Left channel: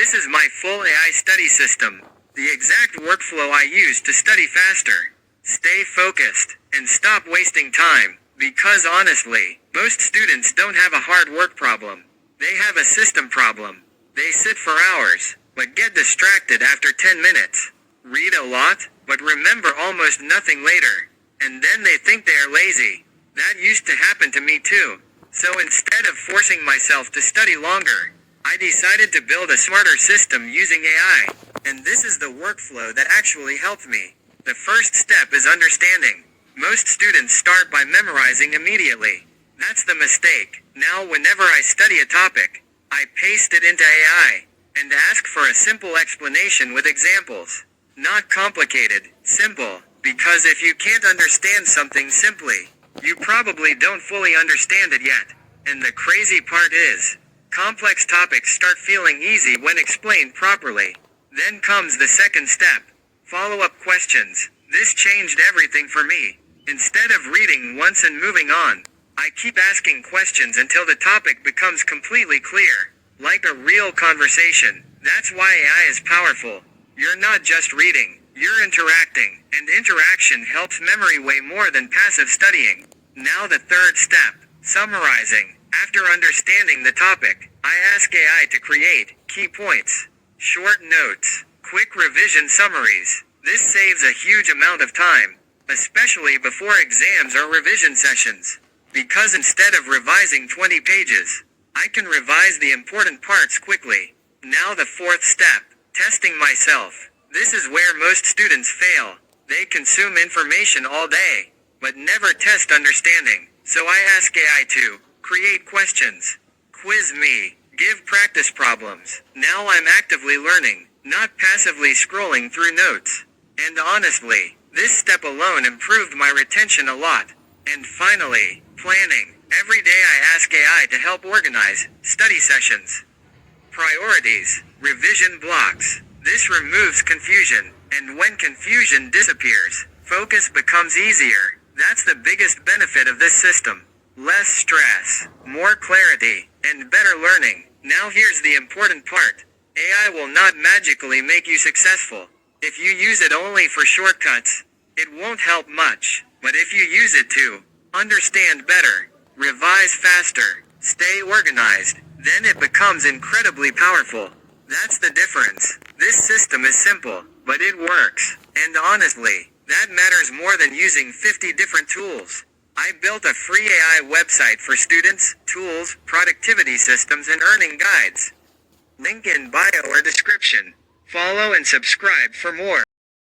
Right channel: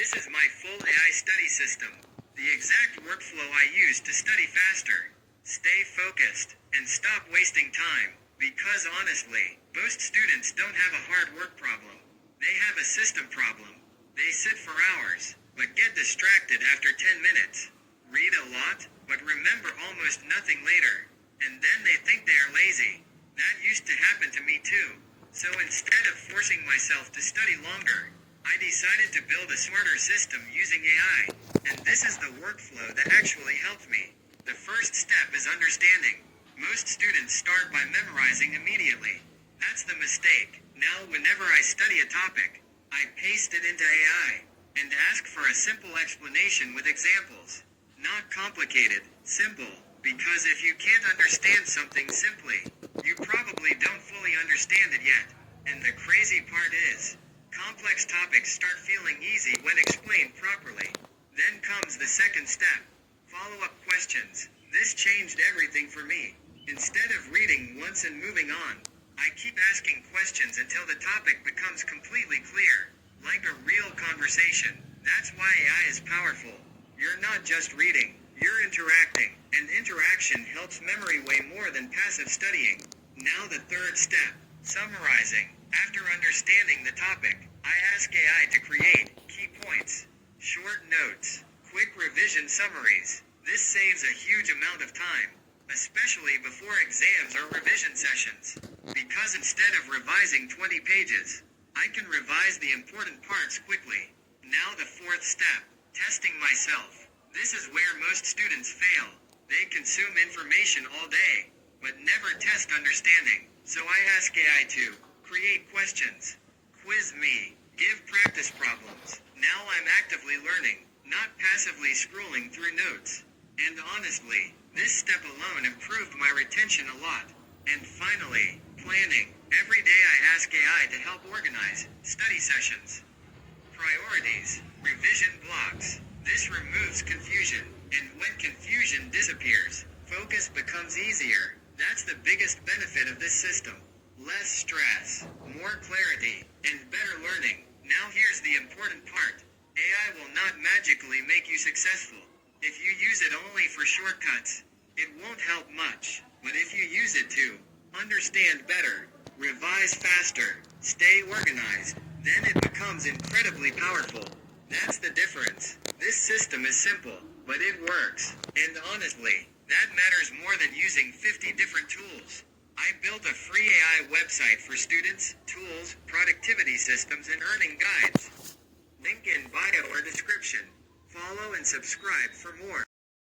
This is my full AI study system. The exact workflow I use to study faster, stay focused, and stop wasting time. Because honestly, most students don't have a hard work problem. They have a system problem. They sit for hours, but get distracted after 10 minutes. Read a lot, but remember almost nothing later. And then they think they are lazy. That used to happen to me too. So instead of forcing myself to study longer, I decided to build a smarter system using AI. And this is the workflow that actually helped me. The first step is understanding. Most students start by memorizing immediately. That's the mistake. Now whenever I study a topic, I paste it into AI and ask for a simple explanation with examples. Not complicated, simple. Because if you can't understand something simply, you probably don't fully understand it yet. And the crazy part is, complex topics start feeling easy when explained properly. Then comes the second step. Follow-up questions. This changed everything for me. Instead of reading once and moving on, I keep asking questions until the topic becomes completely clear. Like a real conversation. That's why AI is powerful. You're not just reading, you're interacting. And interaction helps memory way more than passive studying. Now the third step, summarizing. After understanding the topic, I ask AI to create key points, short notes, quick revision summaries. This saves a huge amount of time, especially before exams or revision sessions. Because instead of revising 20 pages, I can revise the important parts quickly. Now the fourth step, testing myself. This is where most students fail. They consume information all day, but never test understanding. So I ask AI to create questions, quiz me, give practice problems. Now I'm actively learning, not passively scrolling through notes. And honestly, this step alone improved my retention a lot. And finally, planning. Every day I ask AI to help organize study sessions, priorities, revision blocks. This removes confusion, and when confusion disappears, focus becomes easier. That's the biggest benefit of this system. Less stress, more clarity, and better learning. Now here's the important part. AI will not magically make you successful. If you use it only for shortcuts, it won't help much. But if you use it to understand better, revise faster, stay organized, then it becomes incredibly powerful. That's the difference. This system is simple, but it works. And honestly, that matters more than using 50 different tools. I built a free AI website for students, tools, productivity systems, and earning guides. Link in bio or description. Follow and subscribe for more.